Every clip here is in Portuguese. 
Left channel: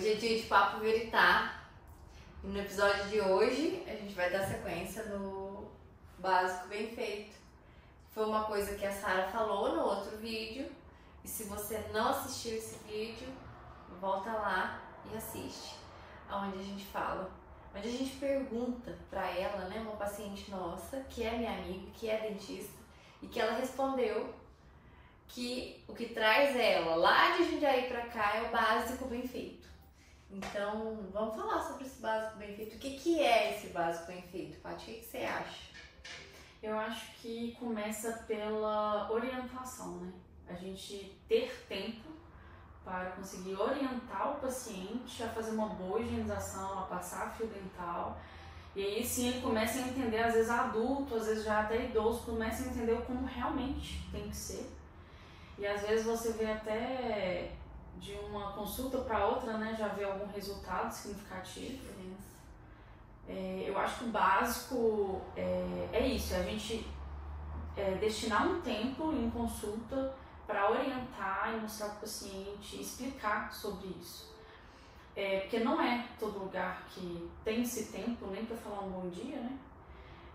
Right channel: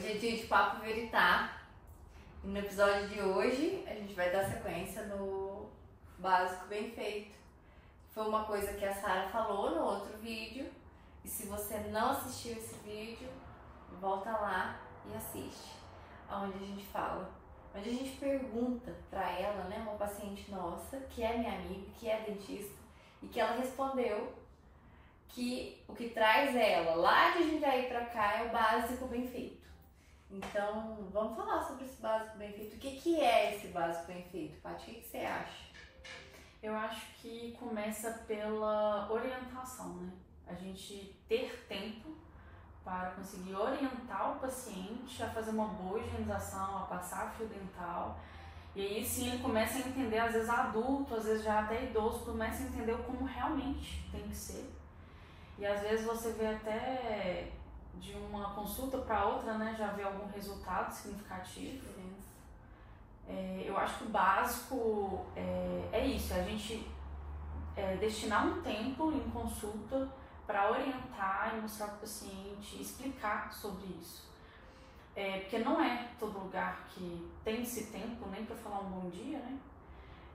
Hoje é dia de Papo Veritá e no episódio de hoje a gente vai dar sequência no básico bem feito. Foi uma coisa que a Sara falou no outro vídeo e se você não assistiu esse vídeo, volta lá e assiste, onde a gente fala, onde a gente pergunta pra ela, né, uma paciente nossa, que é minha amiga, que é dentista, e que ela respondeu que o que traz ela lá de Jundiaí pra cá é o básico bem feito. Então, vamos falar sobre esse básico bem feito. O que é esse básico bem feito, Paty? O que você acha? Eu acho que começa pela orientação, né? A gente ter tempo para conseguir orientar o paciente a fazer uma boa higienização, a passar fio dental. E aí sim ele começa a entender, às vezes adulto, às vezes já até idoso, começa a entender como realmente tem que ser. E às vezes você vê até de uma consulta para outra, né, já vê algum resultado significativo. Eu acho que o básico é isso, a gente destinar um tempo em consulta para orientar e mostrar para o paciente, explicar sobre isso. Porque não é todo lugar que tem esse tempo nem para falar um bom dia, né?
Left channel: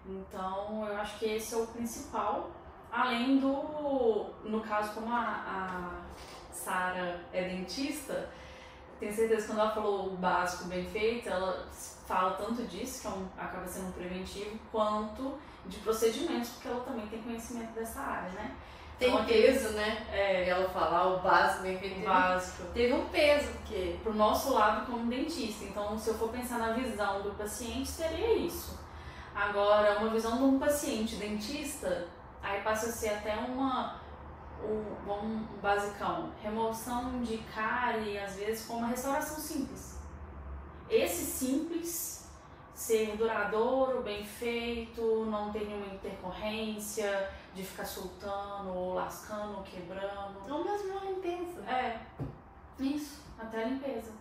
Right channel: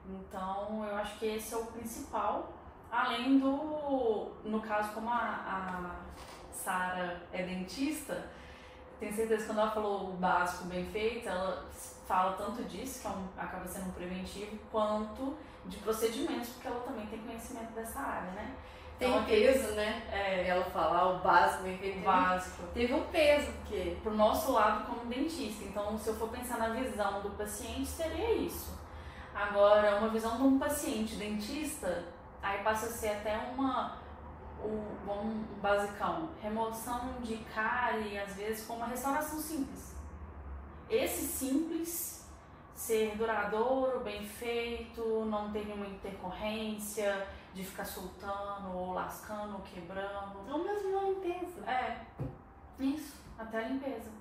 Então eu acho que esse é o principal, além do, no caso como a Sara é dentista, tenho certeza que quando ela falou o básico bem feito, ela fala tanto disso, que acaba sendo um preventivo, quanto de procedimentos, porque ela também tem conhecimento dessa área, né? Tem então, peso, né? Ela falar o básico bem feito. Teve um peso, porque pro nosso lado como dentista. Então, se eu for pensar na visão do paciente, seria isso. Agora, uma visão de um paciente dentista, aí passa a ser até um basicão, remoção de cárie, às vezes com uma restauração simples. Esse simples, ser duradouro, bem feito, não ter nenhuma intercorrência de ficar soltando, ou lascando, ou quebrando. Ou mesmo uma limpeza. Isso, até a limpeza.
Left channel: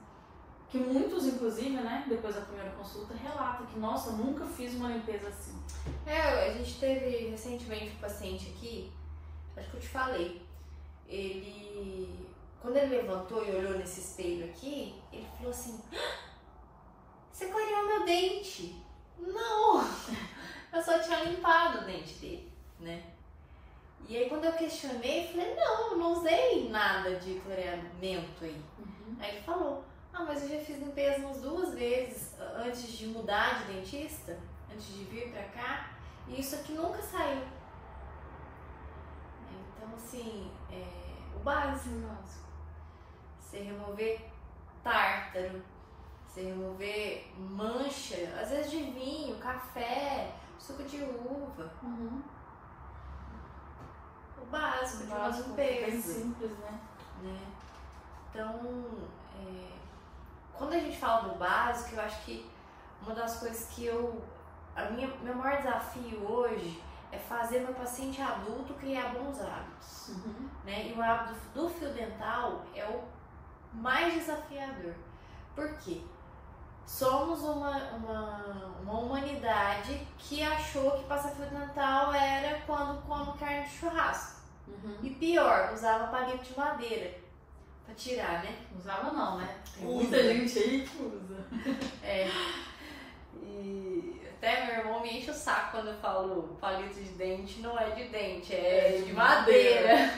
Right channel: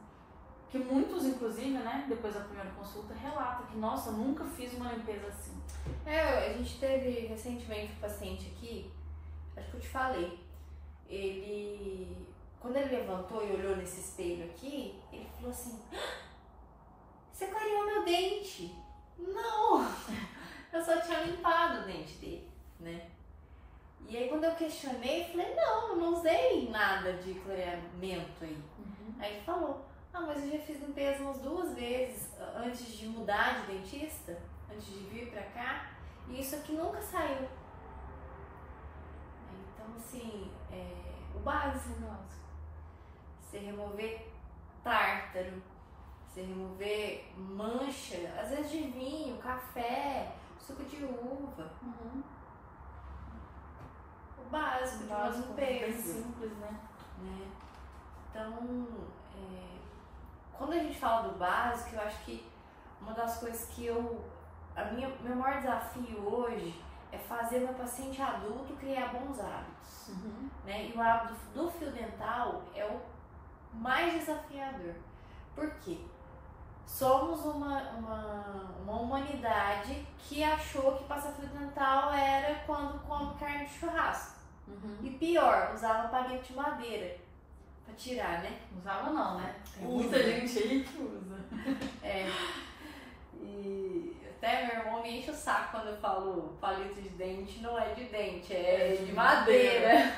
Que muitos, inclusive, né, depois da primeira consulta, relatam que, nossa, eu nunca fiz uma limpeza assim. A gente teve recentemente um paciente aqui, acho que eu te falei, quando ele levantou e olhou nesse espelho aqui, ele falou assim: você clareou meu dente. Não, eu só tinha limpado o dente dele, né? E aí quando eu questionei, eu falei: não, eu não usei nada de clareamento aí. Aí ele falou: mas eu já fiz limpeza umas 2 vezes antes de mudar de dentista, antes de vir pra cá, e isso aqui nunca saiu. Então, assim, o básico, você remover tártaro, você remover mancha, às vezes de vinho, café, suco de uva. O básico de uma limpeza. Bem simples, né? Então, quando a gente fala do básico, eu acho que uma das coisas que meu maior desafio hoje é fazer meu paciente adulto criar bons hábitos. Né? E o hábito do fio dental é o mais desafiador. Por quê? Somos uma humanidade que achou que passar fio dental era quando come carne de churrasco. E pior, usava palito de madeira pra tirar, né? Usava não, né? Tem Usa. muita gente aí que usa. E até meu irmão me enche o saco quando eu falo palito de dente, não é de dente, é de madeira.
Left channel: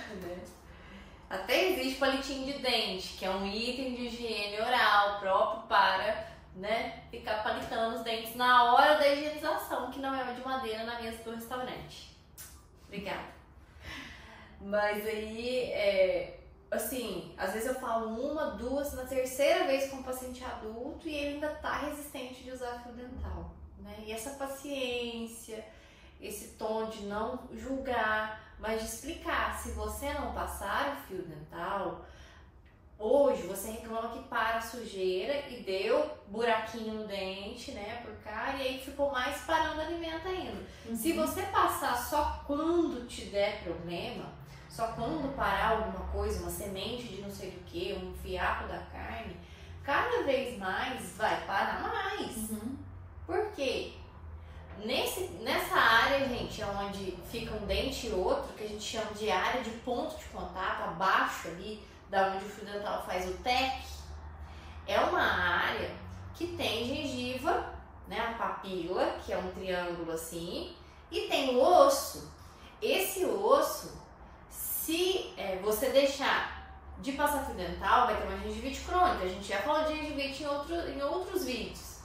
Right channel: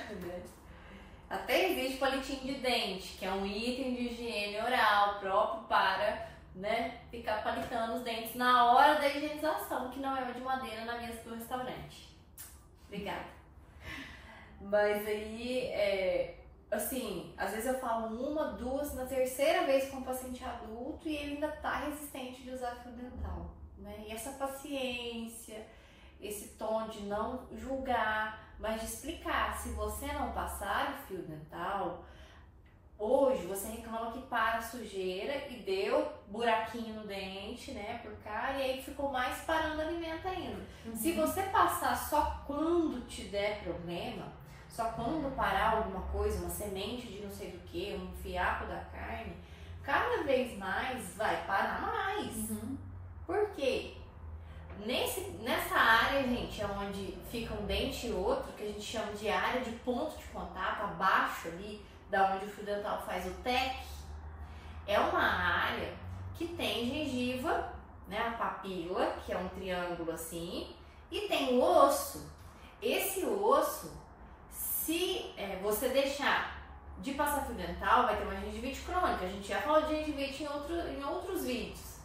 Até existe palitinho de dente, que é um item de higiene oral próprio para, né, ficar palitando os dentes na hora da higienização, que não é de madeira na mesa do restaurante. Obrigada. Mas aí, assim, às vezes eu falo 1, 2, na terceira vez com um paciente adulto e ele ainda tá resistente de usar fio dental, né? E essa paciência, esse tom de não julgar, mas de explicar. Se você não passar o fio dental, hoje você reclama que para a sujeira e deu buraquinho no dente, né, por cá, e aí ficou mais parando alimento ainda. Se você passar só quando te der problema, só quando parar alguma coisa, uma semente de não sei do que, um fiapo da carne, cada vez mais vai parar mais. Por quê? Nessa área, gente, é onde fica um dente e outro, que a gente chama de área de ponto de contato, abaixo ali, da onde o fio dental faz o TEC, é uma área que tem gengiva, né, a papila, que é um triângulo assim, e tem o osso. Esse osso, se você deixar de passar fio dental, vai ter uma gengivite crônica. A gente já falou de gengivite em outros vídeos.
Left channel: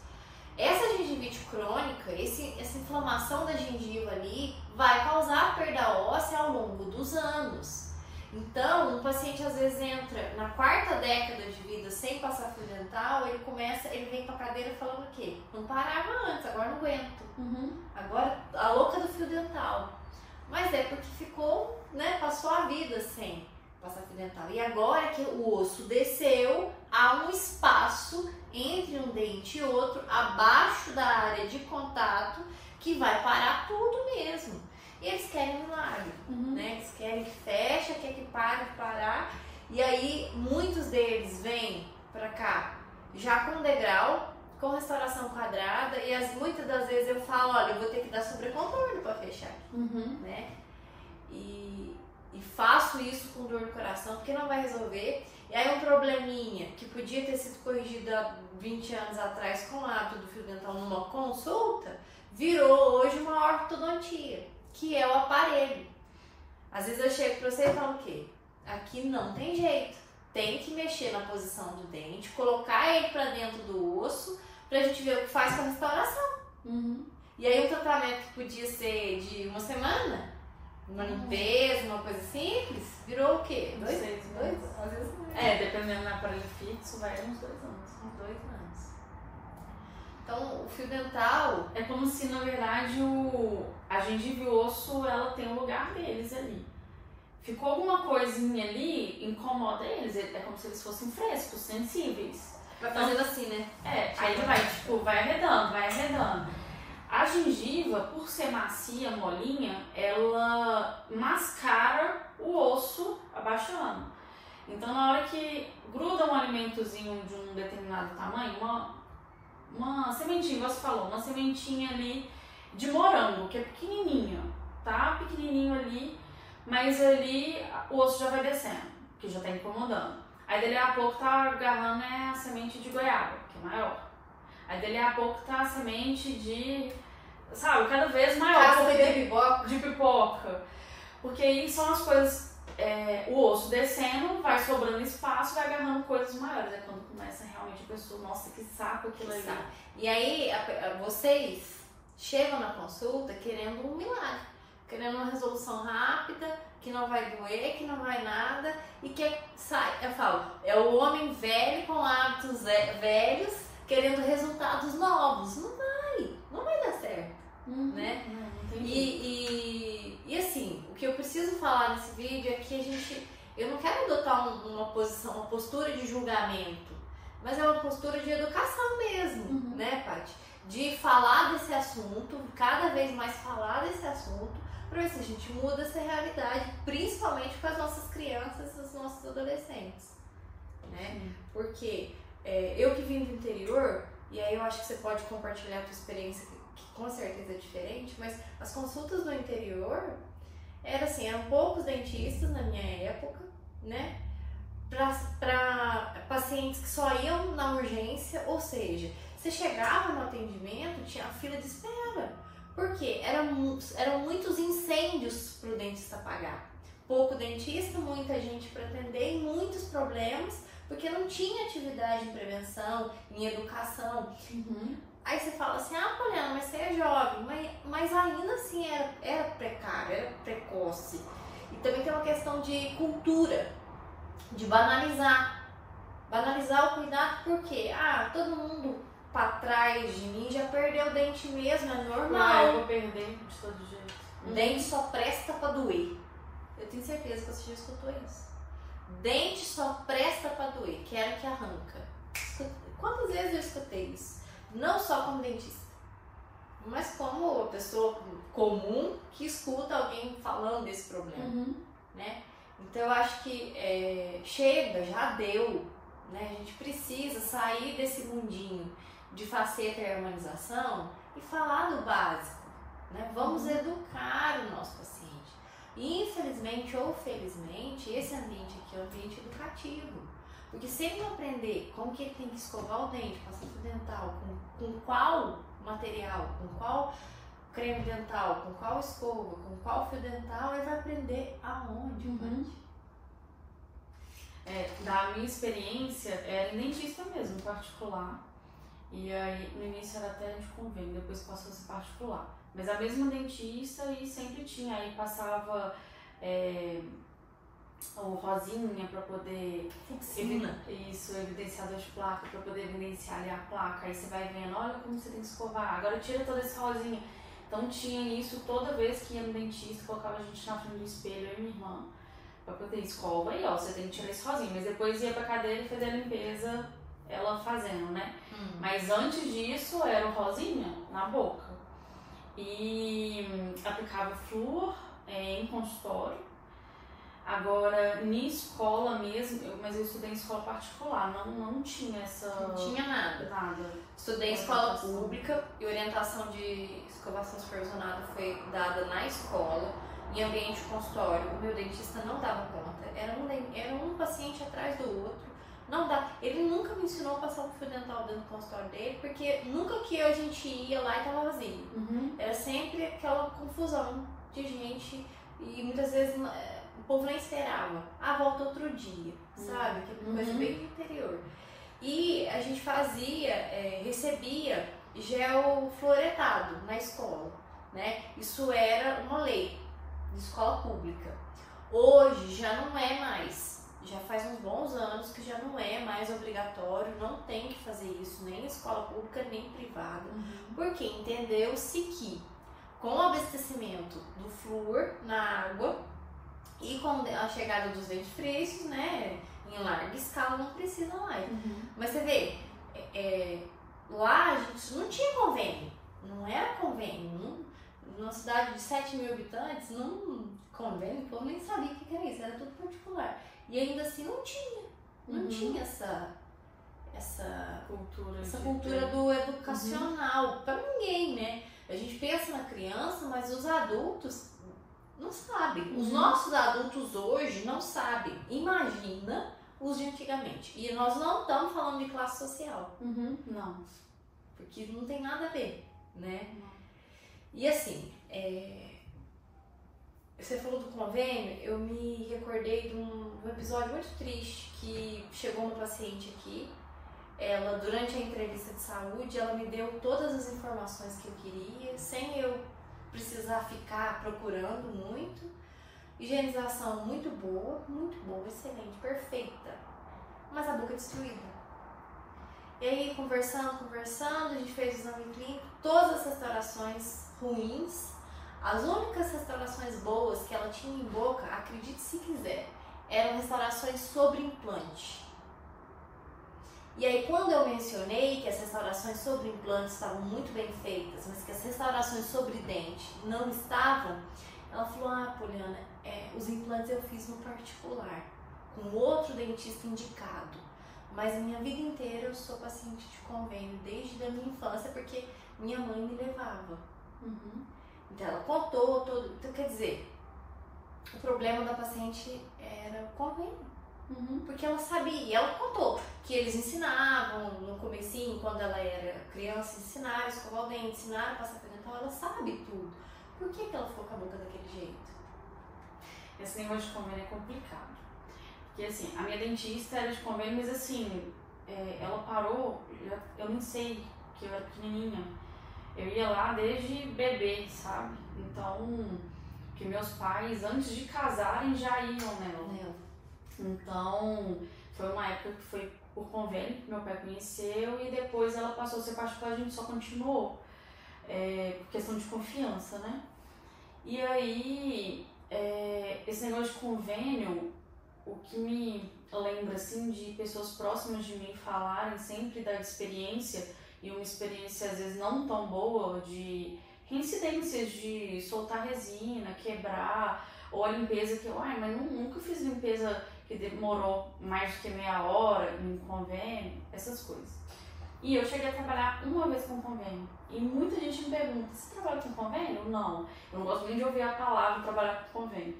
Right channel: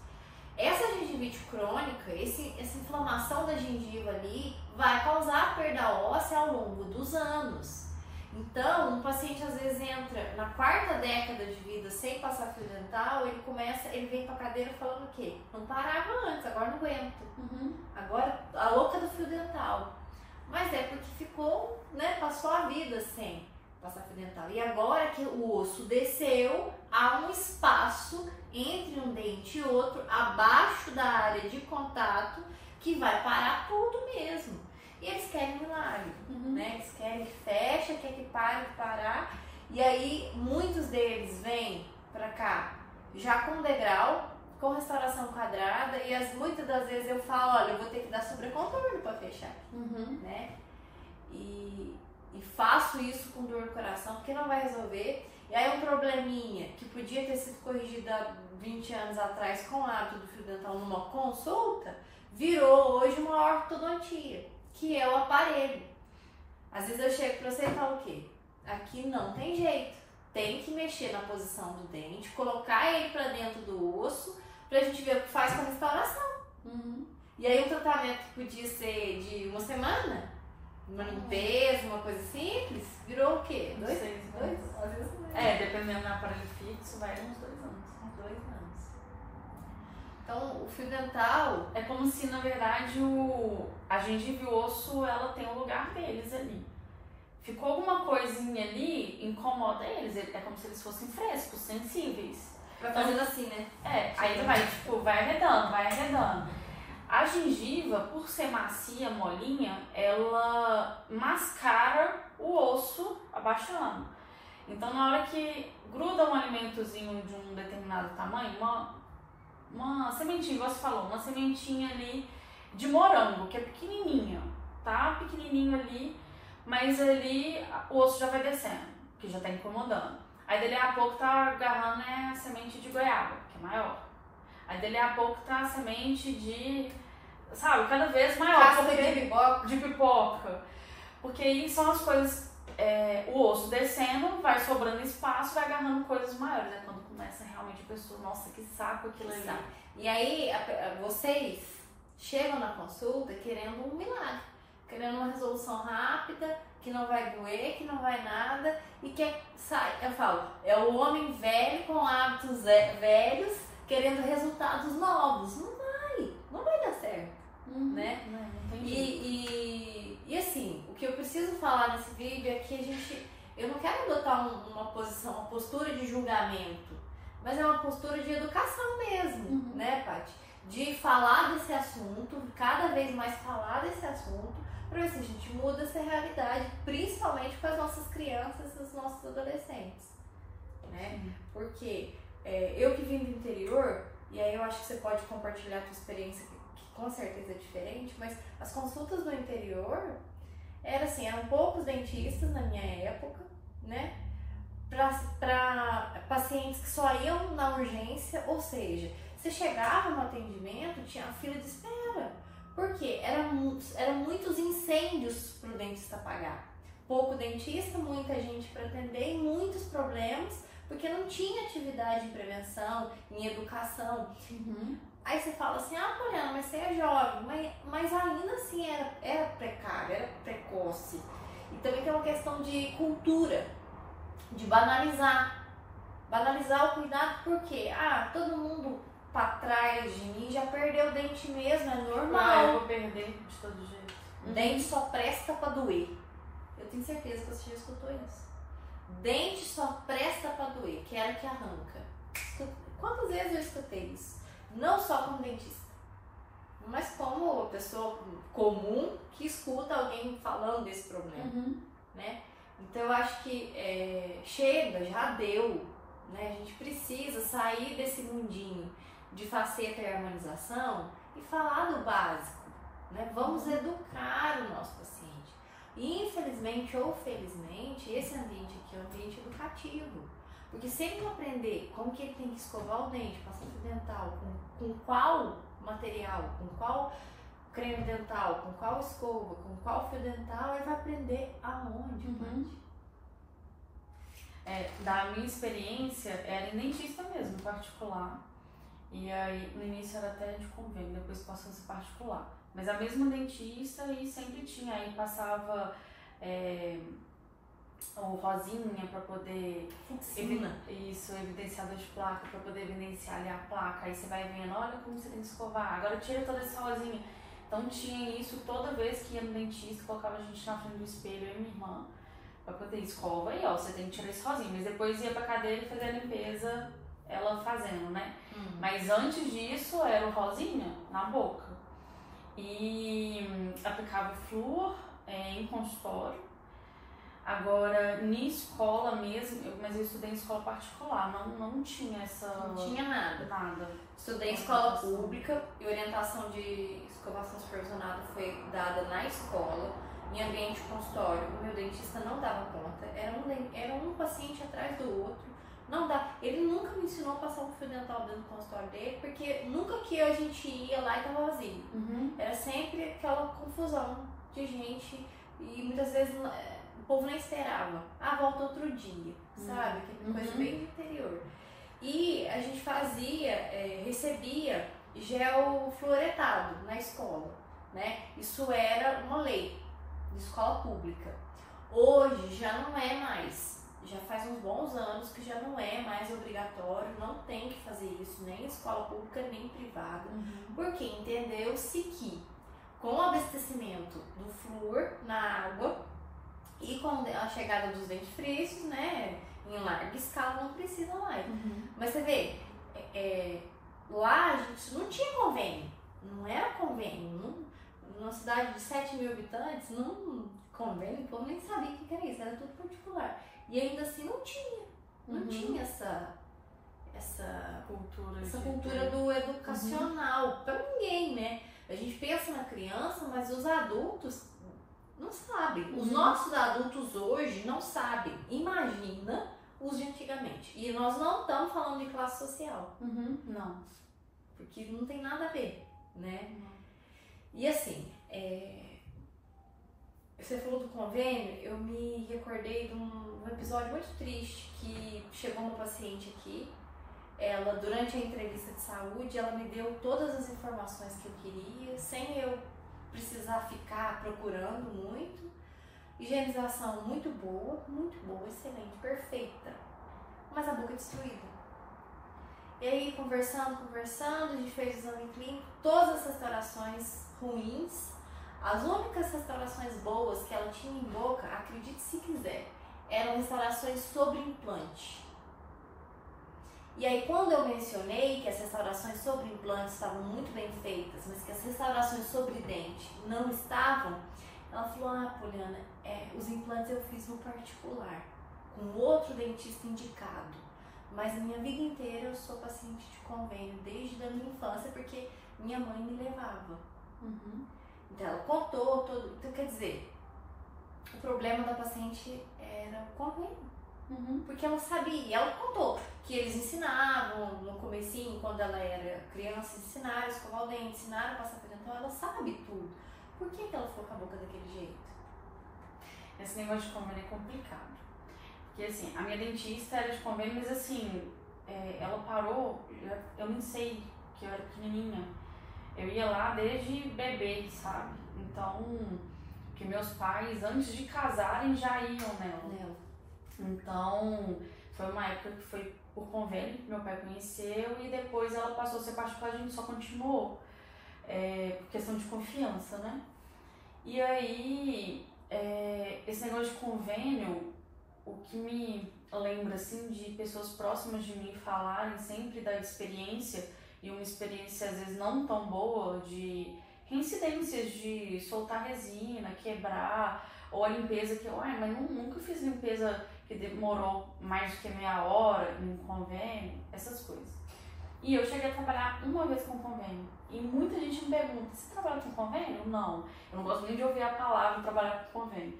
Essa gengivite crônica, essa inflamação da gengiva ali, vai causar perda óssea ao longo dos anos. Então, um paciente às vezes entra na 4ª década de vida sem passar fio dental, ele vem pra cadeira falando o quê? Não parava antes, agora não aguento. Agora, a louca do fio dental. Mas é porque ficou, né, passou a vida sem passar fio dental. E agora que o osso desceu, há um espaço entre um dente e outro, abaixo da área de contato, que vai parar tudo mesmo. E eles querem um milagre, né? Eles querem que feche, querem que pare de parar. E aí, muitos deles vêm pra cá já com degrau, com restauração quadrada. E muitas das vezes eu falo, olha, eu vou ter que dar sobrecontorno pra fechar, né? E faço isso com dor no coração, porque não vai resolver. E aí um probleminha que podia ter sido corrigido há 20 anos atrás com o hábito do fio dental numa consulta, virou hoje uma ortodontia, que é o aparelho. Às vezes eu chego pra você e falo o quê? Aqui não tem jeito. Tem que mexer na posição do dente, colocar ele pra dentro do osso, pra gente ver o que faz com a restauração. E aí um tratamento que podia ser de uma semana, uma limpeza, uma coisa simples, virou o quê? 2 meses? Às vezes dependendo do aparelho fixo, vai uns 2 anos. Uns 2 anos. Então, o fio dental... É como se, na verdade, a gengiva e o osso, ela tem o lugar deles ali. Ficou alguma coisinha ali, incomoda eles. É como se eles fossem frescos, sensíveis. Vai fazendo assim, né? Aí ele vai arredando. A gengiva, por ser macia, molinha, ela mascara o osso abaixando. Então, na hora que gruda um alimentozinho de um determinado tamanho, uma sementinha, igual você falou, uma sementinha ali de morango, que é pequenininha, tá? Pequenininho ali, mas ali o osso já vai descendo, que já tá incomodando. Aí dali a pouco tá agarrando a semente de goiaba, que é maior. Aí dali a pouco tá a semente de, sabe, cada vez maior. De pipoca. Porque aí são as coisas, o osso descendo, vai sobrando espaço, vai agarrando coisas maiores. É quando começa realmente a pessoa, nossa, que saco aquilo ali. E aí, vocês chegam na consulta querendo um milagre, querendo uma resolução rápida, que não vai doer, que não vai nada, e que sai. Eu falo, é o homem velho com hábitos velhos, querendo resultados novos. Não vai dar certo, né? Não tem jeito. E assim, o que eu preciso falar nesse vídeo é que eu não quero adotar uma postura de julgamento, mas é uma postura de educação mesmo, né, Paty? De falar desse assunto, cada vez mais falar desse assunto, para ver se a gente muda essa realidade, principalmente para as nossas crianças e os nossos adolescentes, né? Porque eu que vim do interior, e aí eu acho que você pode compartilhar a tua experiência, que com certeza é diferente, mas as consultas no interior eram poucos dentistas na minha época, né? Para pacientes que só iam na urgência, ou seja, você chegava no atendimento, tinha fila de espera, porque eram muitos incêndios para o dentista pagar. Pouco dentista, muita gente para atender e muitos problemas, porque não tinha atividade em prevenção, em educação. Aí você fala assim, Poliana, mas você é jovem, mas ainda assim era precário, era precoce. E também tem uma questão de cultura, de banalizar o cuidado, porque todo mundo pra trás de mim já perdeu o dente mesmo, é normal. Eu vou perder de todo jeito. Dente só presta pra doer. Eu tenho certeza que você já escutou isso. Dente só presta pra doer, quero que arranca. Quantas vezes eu escutei isso? Não só como dentista, mas como pessoa comum que escuta alguém falando desse problema, né? Então eu acho que chega, já deu, né? A gente precisa sair desse mundinho de faceta e harmonização e falar do básico, né? Vamos educar o nosso paciente. E infelizmente ou felizmente, esse ambiente aqui é um ambiente educativo. Porque se ele não aprender como que ele tem que escovar o dente, passar fio dental, com qual material, com qual creme dental, com qual escova, com qual fio dental, ele vai aprender aonde, Da minha experiência, era em dentista mesmo, particular. E aí, no início era até de convênio, depois passou a ser particular. Mas a mesma dentista e sempre tinha, aí passava o rosinha para poder evidenciador de placa, para poder evidenciar ali a placa. Aí você vai vendo, olha como você tem que escovar, agora tira toda essa rosinha. Então tinha isso toda vez que ia no dentista, colocava a gente na frente do espelho, eu e minha irmã, para poder escova e ó, você tem que tirar esse rosinha. Mas depois ia pra cadeira e fazer a limpeza, ela fazendo, né? Mas antes disso era o rosinha na boca. E aplicava flúor em consultório. Agora, em escola mesmo, mas eu estudei em escola particular, não tinha essa... Não tinha nada. Estudei em escola pública e orientação de escovação supervisionada foi dada na escola, em ambiente consultório. O meu dentista não dava conta, era um paciente atrás do outro. Não dá. Ele nunca me ensinou a passar um fio dental dentro do consultório dele, porque nunca que a gente ia lá e tava vazio. Era sempre aquela confusão de gente e muitas vezes o povo nem esperava. Volta outro dia, sabe? Que é coisa bem do interior. E a gente recebia gel fluoretado na escola, né? Isso era uma lei de escola pública. Hoje já não é mais. Já faz uns bons anos que já não é mais obrigatório, não tem que fazer isso, nem escola pública, nem privada. Porque entendeu-se que com o abastecimento do flúor na água e com a chegada dos dentifrícios, né, em larga escala, não precisa mais. Mas você vê, lá a gente não tinha convênio, não era convênio. Numa cidade de 7 mil habitantes, convênio, o povo nem sabia o que era isso, era tudo particular. E ainda assim não tinha essa cultura do educacional para ninguém, né? A gente pensa na criança, mas os adultos não sabem. Os nossos adultos hoje não sabem. Imagina os de antigamente. E nós não estamos falando de classe social. Não. Porque não tem nada a ver, né? E assim, você falou do convênio, eu me recordei de um episódio muito triste que chegou uma paciente aqui. Ela, durante a entrevista de saúde, ela me deu todas as informações que eu queria, sem eu precisar ficar procurando muito. Higienização muito boa, excelente, perfeita. Mas a boca destruída. E aí, conversando, a gente fez o exame clínico, todas as restaurações ruins. As únicas restaurações boas que ela tinha em boca, acredite se quiser, eram restaurações sobre implante. E aí, quando eu mencionei que as restaurações sobre implantes estavam muito bem feitas, mas que as restaurações sobre dente não estavam, ela falou, Poliana, os implantes eu fiz no particular, com outro dentista indicado. Mas a minha vida inteira eu sou paciente de convênio, desde a minha infância, porque minha mãe me levava. Então ela contou todo. Então, quer dizer, o problema da paciente era o convênio. Porque ela sabia, ela contou que eles ensinavam no comecinho, quando ela era criança, ensinaram a escovar o dente, ensinaram a passar fio dental, ela sabe tudo. Por que ela ficou com a boca daquele jeito? Esse negócio de convênio é complicado. Porque assim, a minha dentista era de convênio, mas assim, ela parou, eu não sei, que eu era pequenininha. Eu ia lá desde bebê, sabe? Então, que meus pais, antes de casarem, já iam nela. Então, foi uma época que foi por convênio, que meu pai conheceu, e depois ela passou a ser particular, a gente só continuou. Por questão de confiança, né? E aí, esse negócio de convênio, o que me lembra, assim, de pessoas próximas de mim falarem sempre da experiência, e uma experiência às vezes não tão boa, de reincidências de soltar resina, quebrar, ou a limpeza que mas nunca fiz limpeza que demorou mais do que meia hora em convênio, essas coisas. E eu cheguei a trabalhar uma vez com convênio, e muita gente me pergunta, você trabalha com convênio? Não, eu não gosto nem de ouvir a palavra trabalhar com convênio.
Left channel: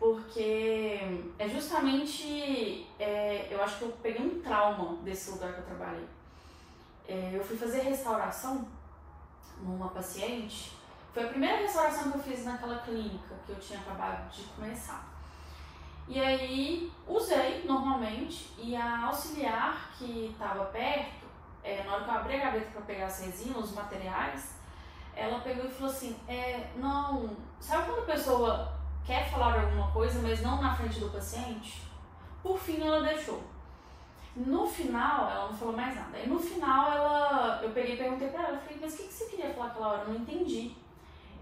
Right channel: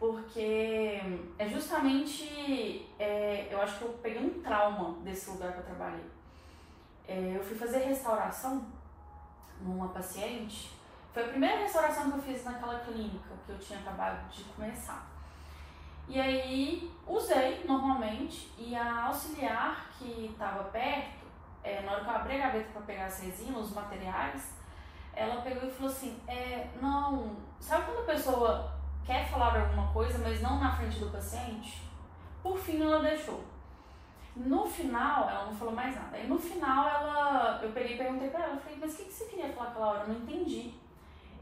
porque é justamente, eu acho que eu peguei um trauma desse lugar que eu trabalhei. Eu fui fazer restauração numa paciente, foi a primeira restauração que eu fiz naquela clínica que eu tinha acabado de começar. E aí usei normalmente, e a auxiliar que estava perto, na hora que eu abri a gaveta para pegar as resinas, os materiais, ela pegou e falou assim, não, sabe quando a pessoa quer falar alguma coisa, mas não na frente do paciente? Por fim ela deixou. No final, ela não falou mais nada. Aí no final eu peguei e perguntei pra ela, falei, mas o que você queria falar aquela hora? Eu não entendi.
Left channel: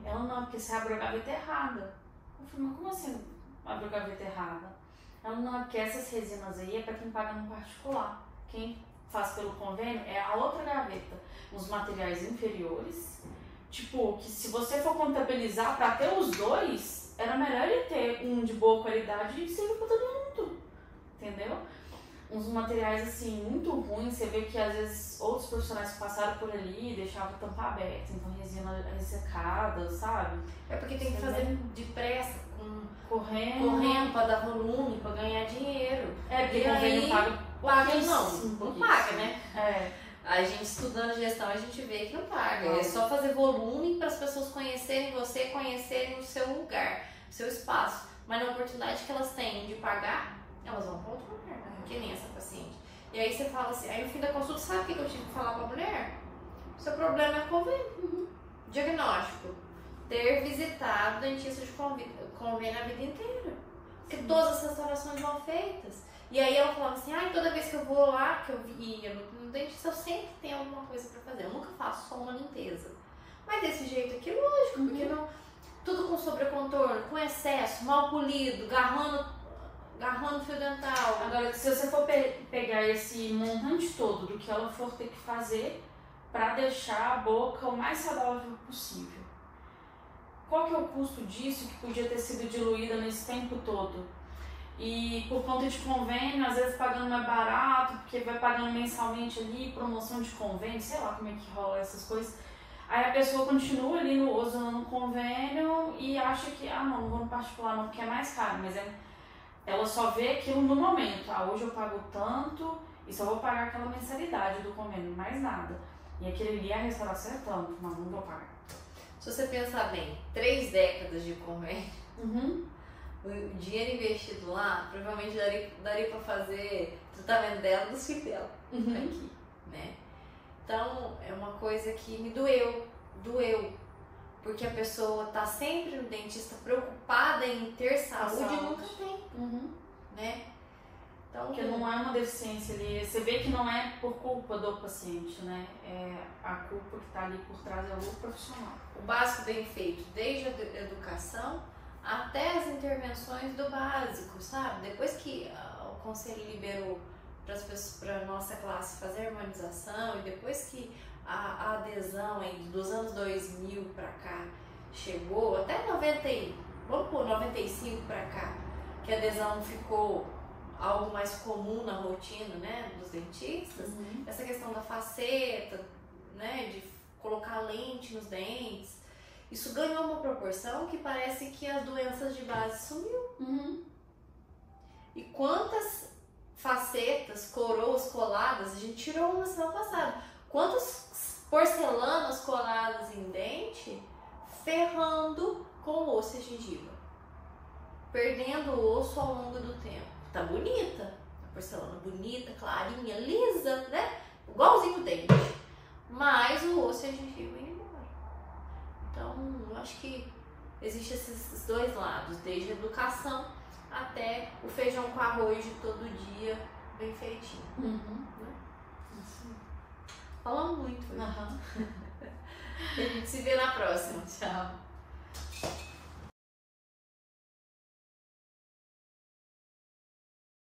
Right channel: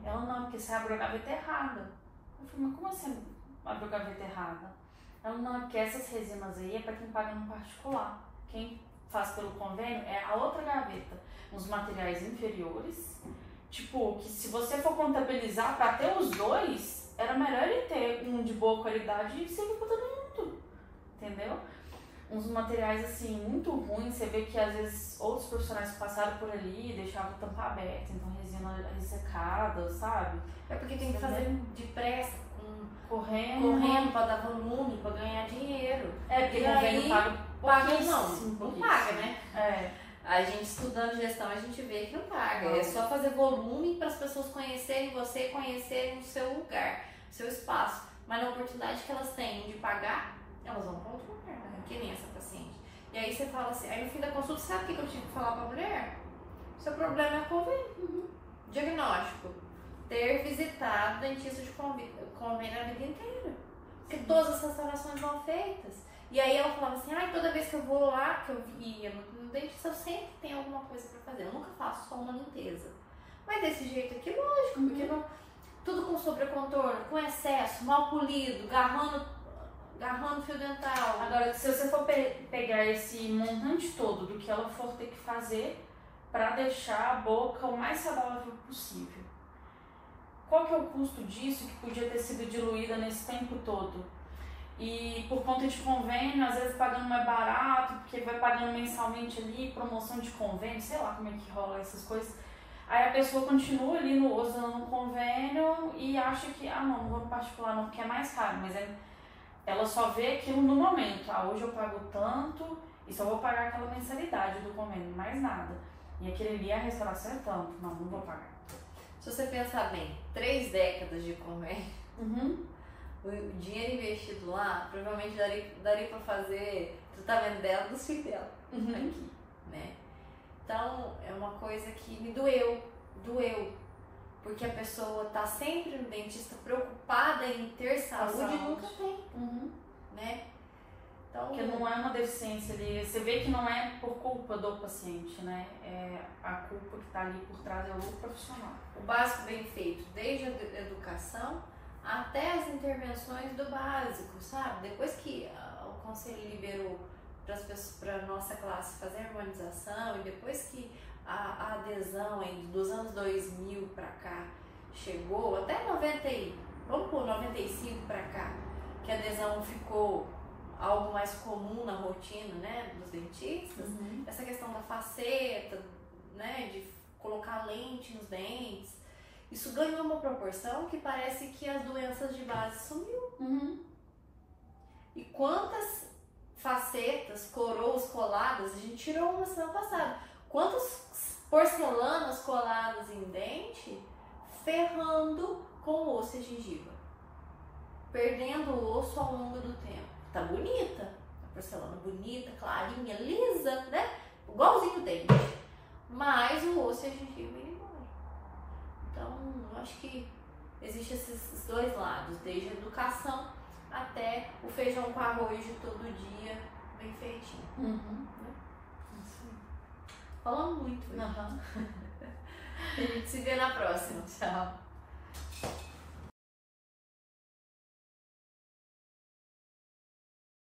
Ela, não, porque você abriu a gaveta errada. Eu falei, mas como assim abriu a gaveta errada? Ela, não, é porque essas resinas aí é pra quem paga no particular. Quem faz pelo convênio é a outra gaveta, uns materiais inferiores. Tipo, que se você for contabilizar pra ter os dois, era melhor ele ter um de boa qualidade e servir pra todo mundo. Entendeu? Uns materiais assim muito ruins, você vê que às vezes outros profissionais passaram por ali e deixavam a tampa aberta, então resina ressecada, sabe? É porque tem que fazer depressa, correndo pra dar volume, pra ganhar dinheiro. Porque convênio paga não paga, né? A gente estudando gestão, a gente vê que não paga. É só fazer volume para as pessoas conhecerem você, conhecerem o seu lugar, o seu espaço. Mas na oportunidade que elas têm de pagar, elas vão para outro lugar, né? Que nem essa paciente. E aí você fala assim, aí no fim da consulta, sabe o que eu tive que falar para a mulher? Seu problema é convênio. Diagnóstico. Ter visitado dentista de convênio a vida inteira. Porque todas as restaurações vão feitas. E aí ela falava assim, toda vez que eu vou lá, que eu ia no dentista, eu sempre tenho alguma coisa pra fazer. Eu nunca faço só uma limpeza. Mas desse jeito aqui, lógico, porque não, tudo com sobrecontorno, com excesso, mal polido, garrando fio dental. Agora, se você for pegar esse montante todo do que ela for ter que fazer pra deixar a boca o mais saudável possível, qual que é o custo disso que podia ter sido diluída nesse tempo todo? E por conta de convênio, às vezes pagando mais barato, porque vai pagando mensalmente ali, promoção de convênio, sei lá como é que rola essas coisas. Aí a pessoa continua ali usando o convênio e acha que, não vou no particular não, porque é mais caro. Mas ela só vê aquilo no momento. Hoje eu pago tanto e só vou pagar aquela mensalidade do convênio, mais nada. E aquele ali, a restauração é tanto. Não vou pagar. Se você pensar bem, 3 décadas de convênio, o dinheiro investido lá, provavelmente daria pra fazer tratamento dela dos filhos dela, aqui, né? Então, é uma coisa que me doeu, porque a pessoa tá sempre no dentista preocupada em ter saúde e nunca tem, né? Então, porque não é uma deficiência ali, você vê que não é por culpa do paciente, né? É a culpa que tá ali por trás é o lucro profissional. O básico bem feito, desde a educação até as intervenções do básico, sabe? Depois que o conselho liberou para a nossa classe fazer a harmonização e depois que a adesão dos anos 2000 para cá chegou, até 95 para cá, que a adesão ficou algo mais comum na rotina, né, dos dentistas, essa questão da faceta, né, de colocar lente nos dentes, isso ganhou uma proporção que parece que as doenças de base sumiu. E quantas facetas, coroas coladas, a gente tirou uma semana passada. Quantas porcelanas coladas em dente, ferrando com o osso e a gengiva. Perdendo o osso ao longo do tempo. Tá bonita, a porcelana bonita, clarinha, lisa, né? Igualzinho o dente. Mas o osso e a gengiva indo embora. Então, eu acho que existem esses dois lados, desde a educação até o feijão com arroz de todo dia, bem feitinho. Né? Falamos muito. A gente se vê na próxima. Tchau.